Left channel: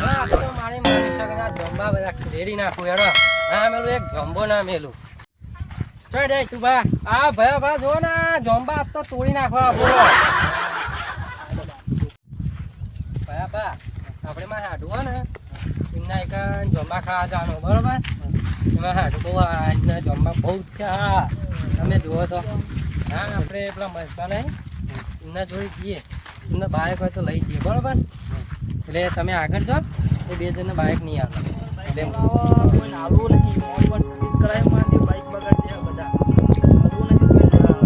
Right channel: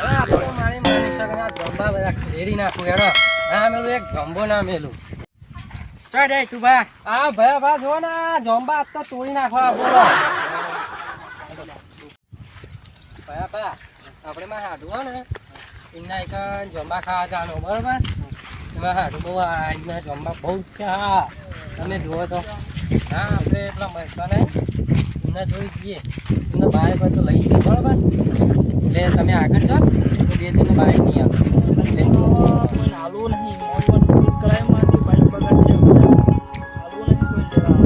મારી મારી સગના જમવા બધા ખેડી નાખું હેડો હા મેલું એક જમ્બો ના મેલું. ચડ એ તું આ ભયા ભા જો ને તો તોડી નાખવા બોલો. ભયા આપણે માં હાડું ને. એમના જંબા ખાવા જવાનું બરોબર? એમાં હાડું બહુ એમના જમવા બહુ હા. તમે જુઓ તો. હા, આપણે પેલા મહેશા નહીં એમના જોઈ જઈએ. એમના બાઇક હોય તો લઈ જઈએ બરોબર એટલે તમે આગળ જાઓ તો બે જણને બાઇક નહીં આવે એટલે કોઈ નાલું નહીં મોડ પર સર્વિસ કરાવી માંડી બાઈક બગાડી જાય બધા નાલું નથી કોઈ લેવા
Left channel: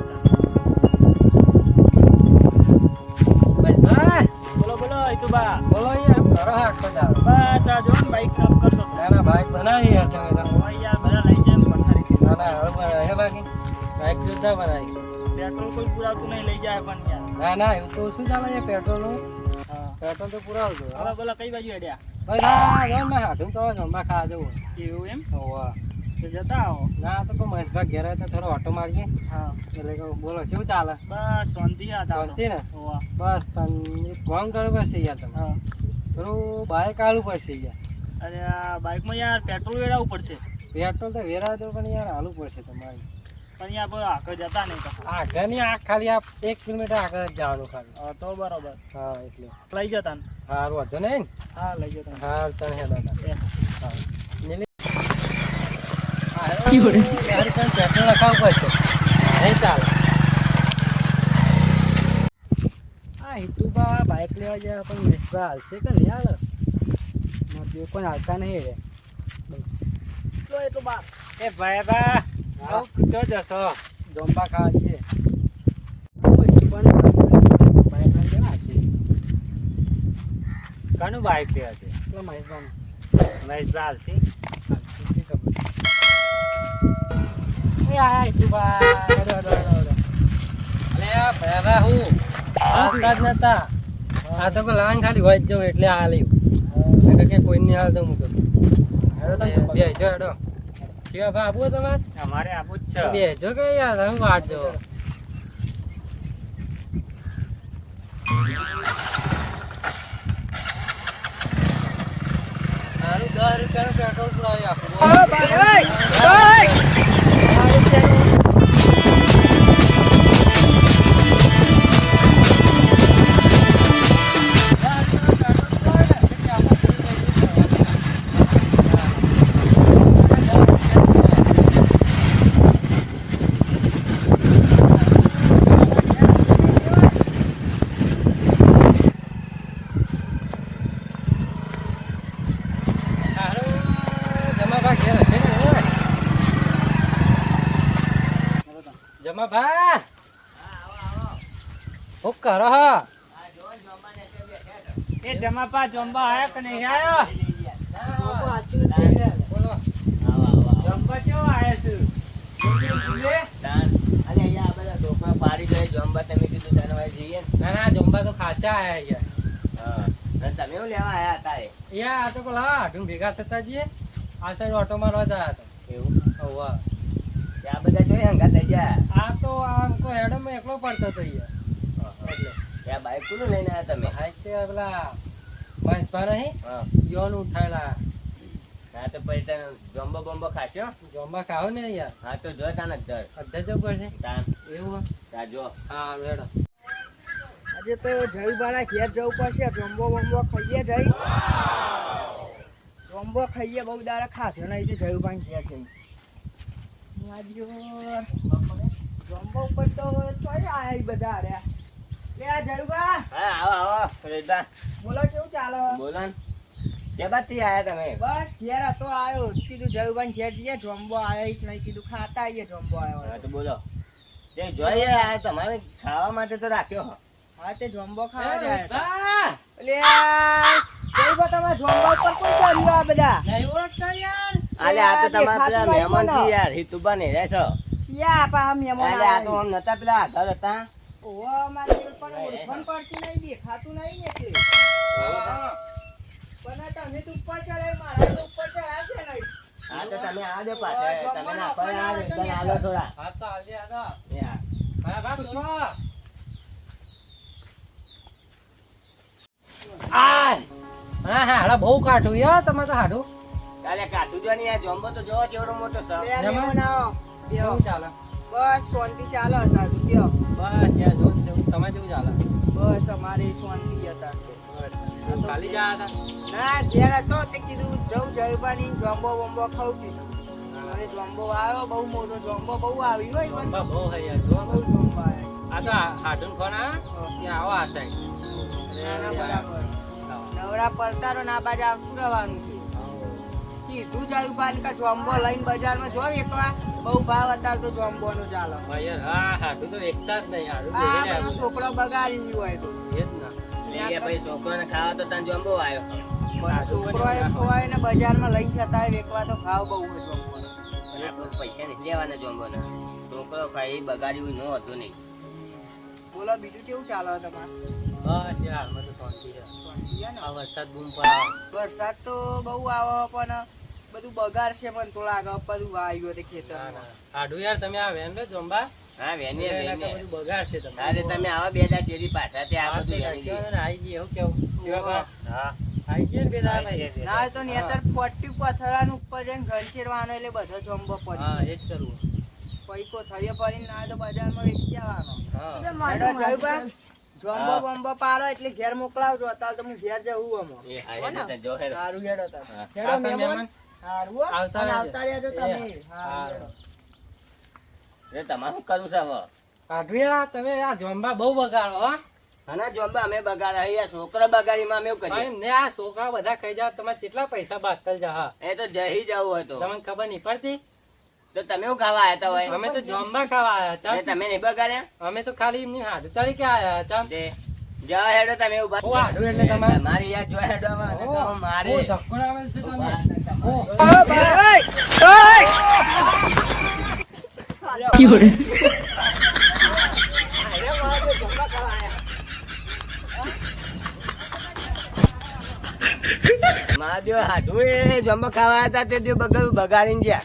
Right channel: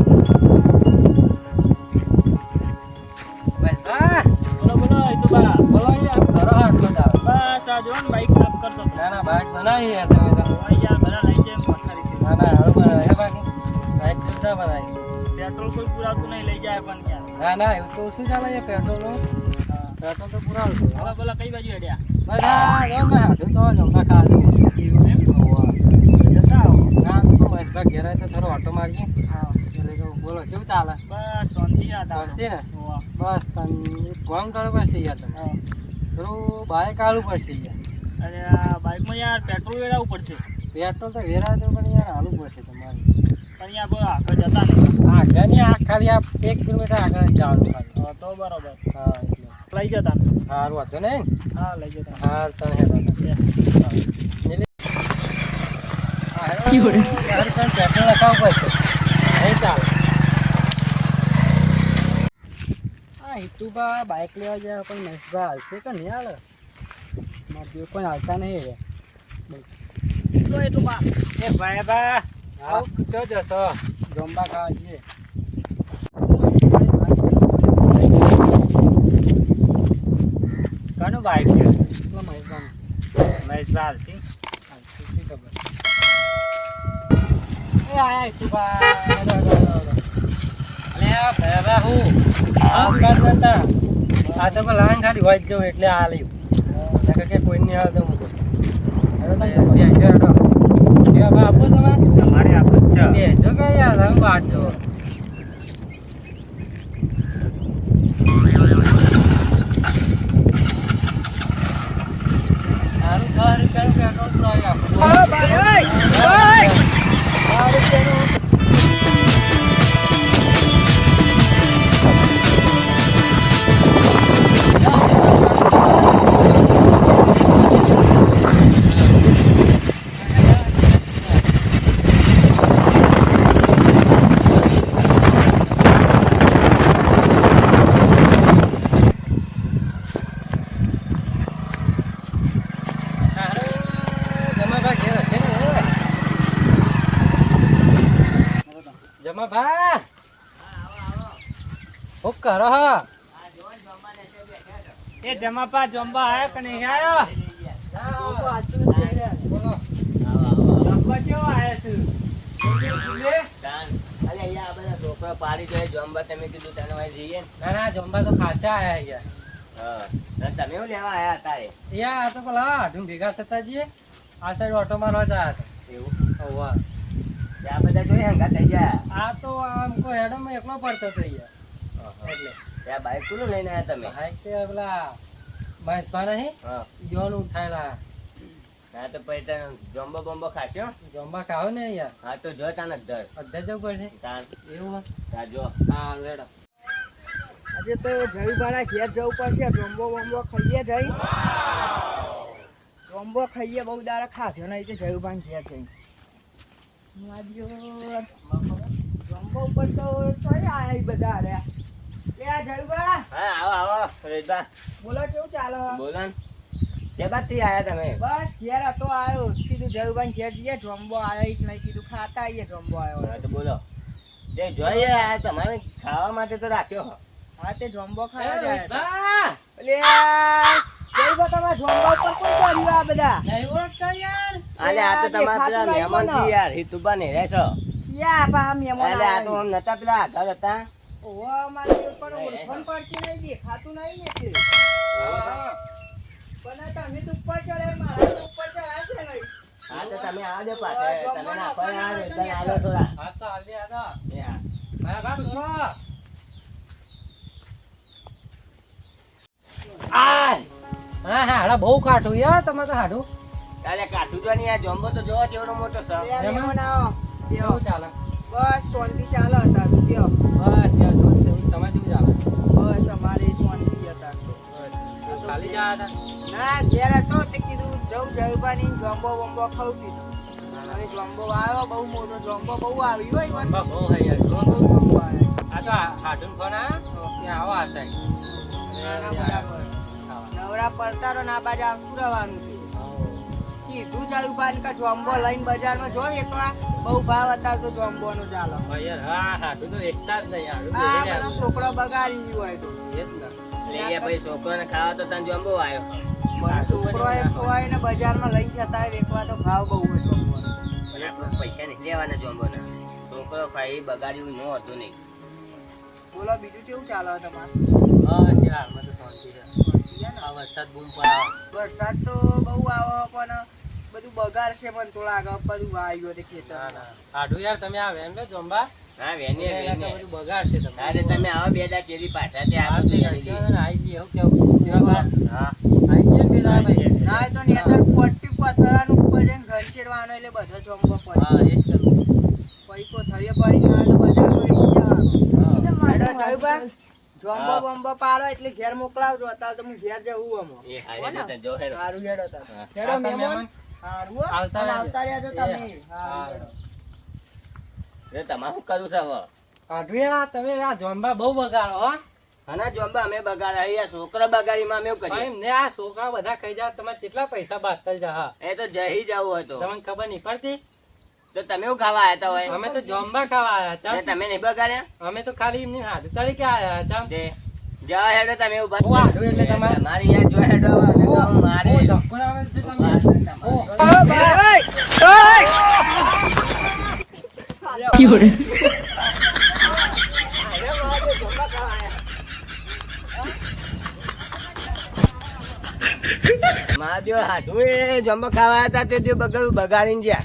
બસ બા બોલો બોલો એ તો બા બોલો યાર કરો આટલો દાવ બસ આ જો ને બાઈક સાફ કરતો હતો ના ના બાઇક બનાવી યાર તમે તો. હવે યાર બધા લઈ જાય પથારી ના ના હવે બનાવી હે બાકી બાઇક સુધા બનાવી પેટ્રોલ કોઈ પુરાતું નહીં લઈ જાય પણ યાર ના ના એવું તો શું ચાલે છે પેટ્રોલનું હા પેટ્રોલ તો પૂરા છે. બોલો બોલા કઈ બાજુ હેડ્યા બસ આ જો મેં હાથું તો જમવા જવું એવું એમ? હોવા. જતા આવો. ના તો મહેશભાઈ ઘેર આવે તો થોડો ઓટો મારજે હા. એટલે કે બોલો કેવું ચાલે? બસ શાંતિ શાંતિ ને? હોવા. બસ તને એક કામ કરવું પડશે યાર તમે હા. થોડું બાઇક આલવું પડશે યાર. અરે આ બાઇકમાં યાર પેટ્રોલ વેરાવવું પડશે. પેટ્રોલ તો વેરા તો પણ યાર હાલવું પડશે તમારે. પણ યાર બોલો આગળ જતા નહીં. આગળની આ ખાલી આ એક કિલોમીટર આગળ જવાનું ખાલી. હા તો બરોબર. હા એટલે. લઈ જતા ને? સારું હતું નહીં હા લઈ જતા હા તને હેલો બે. હા યાર પણ પેટ્રોલ નખાવવું પડશે નહીં ચાલે. આ હિતુબા બાઇક લેવા ગયા પણ મેશબા હાલશે કે નહીં હાલ? મારા કોઈ હાલતા નહીં રે. તો એટલું બા એ ભાઈ બા આવ તો જશો જમવા ખાવા છે કાનું બાઈક છે? એટલા મહેશબાનું. મહેશ બાલ છે હાલશે શી ખબર. એ આયા Hituba hello hello hello hello અલે આ હું? આવતા નતા. આ તો કોઈ ખાલી હોય જ એટલે આ નકર કે કોઈ નહીં હાલતો મૂકો બે જમવા. બા આપો તમારે તમારે આપું જ બે જો કે યાર તમે વાટ જો સારું દસ રૂપિયાનું પેટ્રોલ પુરાવી આપો. જમા ભા હું કરો હા. એ જમાપા જમવા આયા પણ નહીં આયો? બોલો. જમવા કેવો આયા છે? પાડી જાય જોમ્બા તમે કીધું તને જઈએ. ના ના જમવા તો ખાસા આયા અહીંયા. ને તમે એવું લેવા આયા તારે? યા આ તો પેલા આઢું ભેગા થતા જઈએ. આ સાઈડ ઓટો મારવા જયા હતા એવું? હવા ત્યાં બધા જોઈ હંગા થઈ ગયા. આ તો આમ કો હેડમાં એકલો પડતો તો યાર. એટલે ત્યાં બાઈક કોનું લઈને આયા તમે? હાઈ તે પેલા મહેશભા નહીં હા. યોન ઉઠાયેલા. હા તો પછી તને જોમ્બો બોમ્બો ખાશો? જમવા ખાવ ને યાર. હા તો જો તાને અધર દર અડધા જવું પડશે તાન. એવું ત્યાં જો. હા હેડો આજે તો જયુભાના ઘેર જવું પડશે. જમ્બો બોમ્બો ખાઈએ જઈ. જોંબો ખાઈએ બહુ દારા ખાધ્યો નહીં તે જયુભાન ઘેર જઈ. માર્યો જમ્બો ઉપર તો ચોય આયા બધા રે લે આ જયુભા હા આવો આવો રેદા બોલો કેવું ચાલે? બોલો કે બાદથી આયા તમે? બસ ઘેર હતો આવ્યો કીધું જયુભાન ઘેર જઈએ. જમ્બો આવ્યો ઈ નહીં. કીધું ખાતા આવીએ જમ્બો હા તો બોલો. જે જોઈએ આ તમારે ખાવા માટે તો રાખ્યો હા. તે જમ્બો ખાવા એ જાય! લે આ તમે જમ્બો ઉપર કોણ કર્યું આ બધા? નહીં ઓળખતા યાર આલે આ તો તમારા પેલા મહેમાન મને. છે યાર હિતુબા ને રહેશો ક્યાં પા મહેમાન આલે આ તો? આમ નતા પેલા આગળ હતા ઓવા મારે પણ ઓળખાણ પડતી નહીં દેખાતું નહીં એટલે પણ તમે તો ઉપર ચડે મારા તો ઉપર ચડ્યા નહીં હા તો તમે આ દે પાછળ તમે ના પર આ દે તમે આલો થોડા હા તો હાલ દે, હા તો. યા. ભાઈ બા દોરો. આય હા હા હાડા બહુ કાઠું યાર તમે તો હાડું કાલે કાઠું આ જોમ્બો તો જોવો કેવડો મોટો છે. કેવું ચાલે? બસ શાંતિ ચાલે હતા બેહો. બસ યાર જો તમે કેવું ચાલે? બસ અમારે શાંતિ હતા. ખાલી જા હતા? ના ઘેર હતો તે કીધું જવું જયભાની જોમ્બો બોમ્બો ખાઉં કીધું અને જોમ્બો આવ્યો બહુ મોટો જોમ્બો બહુ આવ્યો હોય બહુ યાર જો. જોમ્બો આવ્યો. આ તો હાડું ખોના કે આવો આસાય ના ના બરાબર નવરા પડતા રહો ના બાજુ આવતું રહેવાનું. કીધું જયભાન કે જોમ્બો લઈને બજારમાં જો એકવાર બહુ ભાવ હતા તો જોમ્બો નું ચાલો. હા હાડું તો એકતા જ નહીં આ બધો છોકરો બગાડી ગયો હોય તો. એ જ ના. એ ભાઈ ખાવા તો તને જોમ્બો આવ્યો. છોકરો એ ખવાય ને બજારમાં લઈને જતા હોય તો ભાવ બહુ અને પૈસા નીકળી આવવાના જોમ્બોના. છોકરો ખાઈ બગાડ્યું ન હતું નહીં. બોલો બીજું કેવું ચાલે તમારું? બસ યાર મને તો શાંતિ છે આ વરસાદ બૂમ વરસાદ તો બહુ આવે પણ બધું બગાડ છે મને તો લાગે બધું વાયુ તે ખેતર ના, ના. યાર તમે આ વેન લે જોંબા હા વેને એટલે વેને બધું બગાડ છે તમે અરે તમે આવો બે હજાર ચેરી પાછા તે આવો તો બધું. ને, આઈ ગઈ, હું કેવું? હા આઈ ગઈ ને ભાઈ? ના તો નેચર ફોર્ટી પથરાનું ઉપર જઈને ઘરશેરવાનો એટલે બધો ચોંબો પડી હા, એ જ કરવું. પછી કોથળીએ પડી ના તો બજારમાં લઈ જવાનો હા. હેડો જયું બા જોમ્બો. બોમ્બો પાડો એટલે ઘેર મોકલાવજો અત્યારે તો હું ઘેર જવું અમો એ હારે જો હેડો. સારું હેડો તા હેડો આવતા આવતા રહેજો. તમે. હા. એ તમારે શું છે હવે? કાઢું તમે આ જોંબા બહુ બગાડો હો. આના જોમ્બા અમે બગાડ્યા અહીંયા છોકરા બગાડીમાં અમે એવું એમને આ છોકરા બધા ખાઈ જાવ તમારે કેટલા પૈસા બાતલ જા એ તો જઈ જવું હતો તમને ખબર નહીં પડતી? તો તમે ખાવા આવ્યા હતા હોય? અમે તો જોંબા ખાવા આયા એ તમે નહીં બગાડ્યા? અમે તો ખાલી એમની હાડું તરીકે આયા ચમ. તે જાઓ હેડો તમે ઊભા હું હાડું એટલે તમારે? યાર જો હેડો મારે મહાદેવ હાડું એ જમવા ખાવા હતા તે દિવસ બગાડું બગાડીને ગયા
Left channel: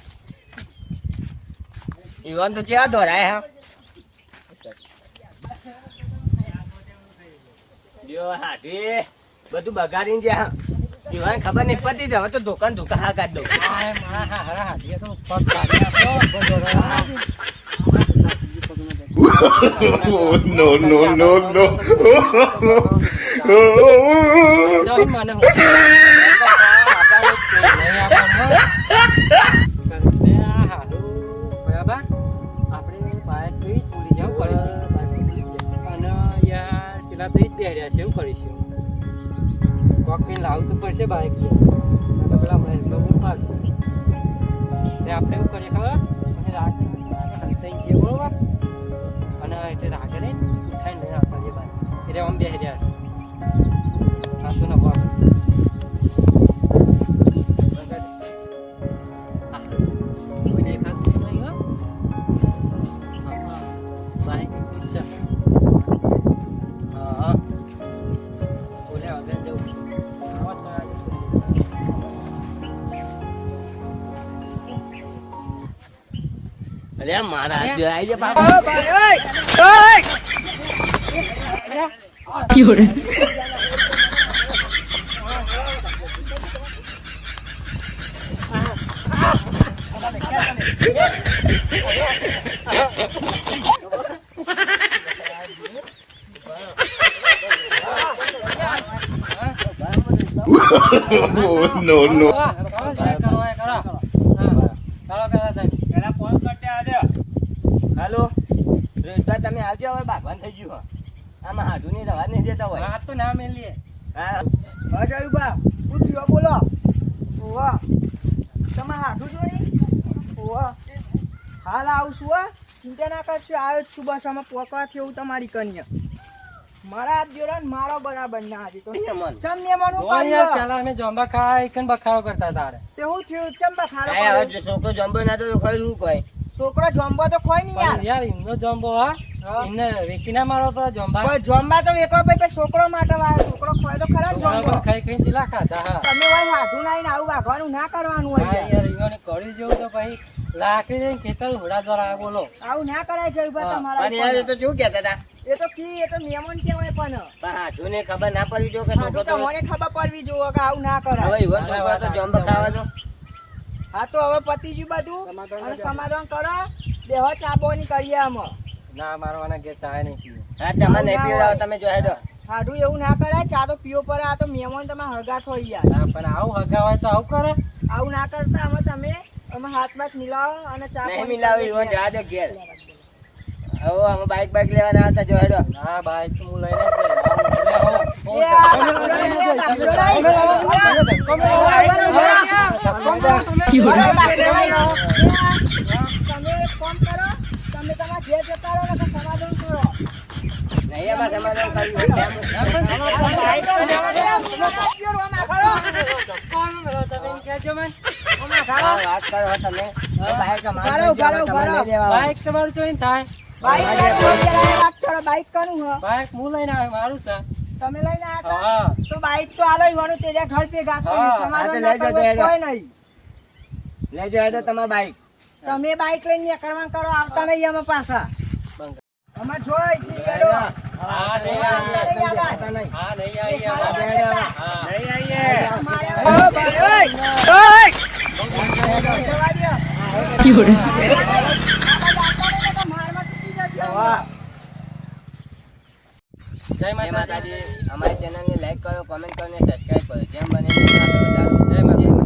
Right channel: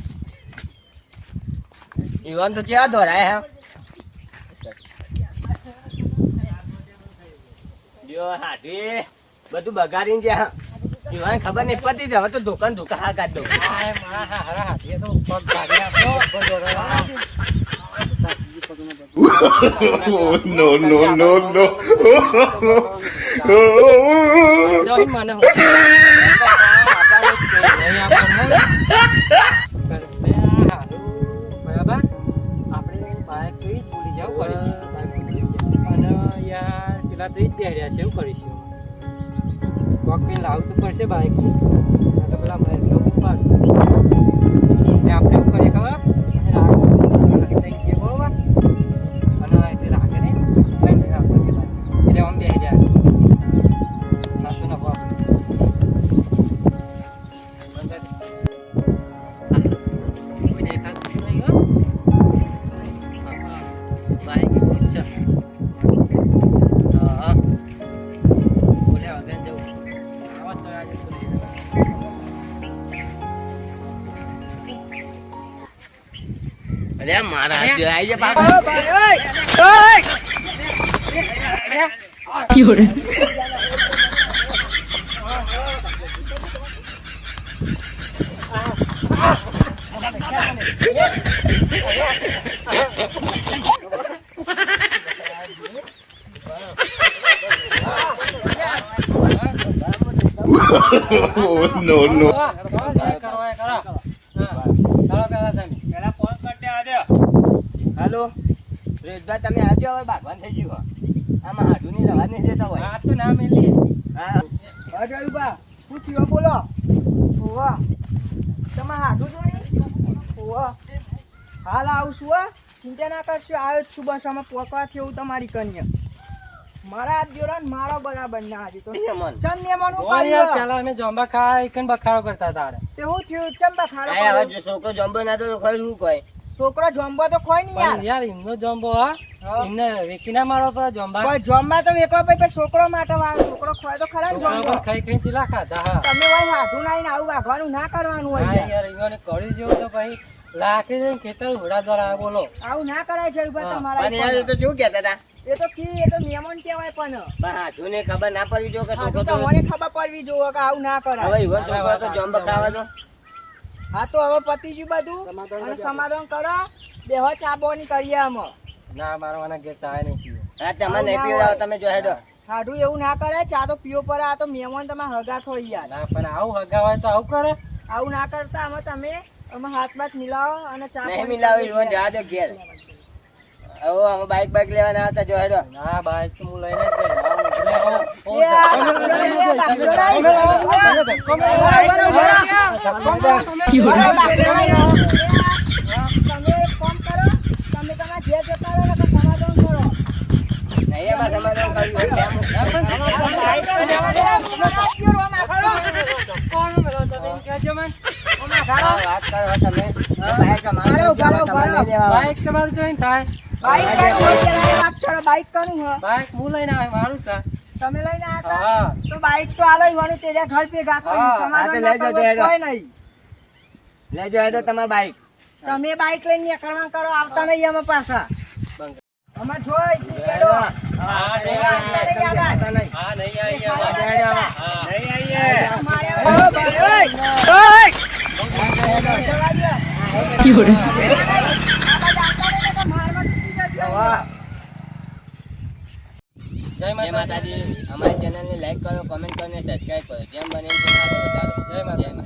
ઈવન તો ક્યાં દોરાય હા જો હાડું બધું બગાડીને ગયા ઈવન ખબર નહીં પડતી જ હવે તો દુકાન દુકાન હા કાઢ દઉં આ મારા હા, હા, હાથીએ તો પગ કાઢી આપ્યો, પગ દોડાવ્યો. Oh, no, no, no, no. જો મને હું- નહીં આપણને. તમે આ હારું, બરાબર? આપણે બાઇક તો ઈ જ ભૂલી જવું પડશે. અને યાર પેલા તો ઈ જ પહેર્યા છે એવું કરીશું કોક લાવવું પડશે બાઇક તો પેલા મહેશ લોકો પાડશે ને આપણે એવું કરીએ ખબર? અને રાખે નહીં. લઈને આપવા એટલે આમ બે રહ્યા અરે મારા અરે. હાથ આવી જાય પાછો. Oh, no, no. હા, કરો, જે કરો એ કરો. હા, ચાલો પહેલા તમે. પેલા ફોન કરતે આવ્યો હાલો. રેશભાઈ તમે આવજો હવે ભાગવાન થઈ ગયું આમાં હાજુ ની રવા નહીં જતા હોય. આ તો ના મેલી. હા. અજય બા. શું થયો બોલો. ઓવા તમે હાથું જોઈ ઓવા હાલ આવશું હા. ચિંતા ના કરશો આવ્યો જ છું બસ. અમે પોકવા થયું તમારી કન્યા. મારા જોડે મારો બરાબર ના આજે તો. મન ચમ ને મનું બોલ યાર, અમે જોંબા ખાઈ કન બખાડો કરતા તારે. તે હું થયું? ચમ બખારો હવે છોકરો જમ્બો ના તો ખરું કહે છોકરો જોંબો તો ખોય નહીં યાર. યાર એમનો જોંબો હા. એમને ના મારો પર જોંબા કોઈ જોંબા તો વેકો ભાઈ પણ છોકરો માટે વાળો છોકરો ખોય તો ખરા ને ખાઈ ખાઈ ચીલા ખાતા હા. તમે ભાઈ હાથું ના આવીને આવું વાગવાનું ના કરવાનું હોય યાર. ઈવોને કળી જેવું તો ભાઈ લાકડી લઈને ખેતર ઉડા દ્વારા આવે બોલો. આવું ના કરાય છે ઊભા તમારા યાર એ તો શું કહેતા હતા? એ તો કી એ તો નિયમન કહેવાય પણ. પણ હાથુને ખબર ના પડવી જો કે તો તો મને ખબર પડવી જોઈએ કે આવું ના હવે કરાય ઈવન છોકરો તો જોંબા ખાવા દો. હા તો હવે પતી ગયું બધું. સમાધાન અને સમાધાન કરો. બેહો ચા બોની કરીએ અમે. ના મારવાના કે ચા નહીં પીવો હા તમે નહીં પીવડાવો તમે જો હેડો. હાડું એવું ના કરે ચા તો પીવો પડે આ તો મહેમાન તમે હગા થો યાર. ના પણ આવું હગાવાય તો આવું કરે. આવું ના કરતા અમે તમે અમે હાથ બાથ મિલાવો અને ચા નહીં મિલાવે ઈવન જવા દો ઘેર. હવે અમે બાઈક બાઈક લેવાના આવતા જો હેડો. ના બાઈક તો હું લઈને જ જઈશ. બાઈક તમારે જોઈને થાય. બાઈક બાઈક કનું બાઈક હું લઈને આવે મારું છે. તમે લઈને આયા તો બાઈક તો આલો ઈવાનું તેજા ઘર પે ગાતો સમાધાન ના તો કરવું કોઈ નહીં લેજો હેડો તમાર બાઈક તમે બાઈક લઈને નીકળવા કરો આવતા નહીં અમે પાછા. અમે જોઈ નીકળો કરો. હા નહીં આવતા નહીં આ નહીં. હા નહીં આવી. હા નહીં આવીએ. ઓ ભાઈ, ઓય! જવા દ્યો. જય માતાજી અમારી ચેનલને લાઈક કરો કોમેન્ટ કરો અને સબસ્ક્રાઈબ કરો. જેમ બને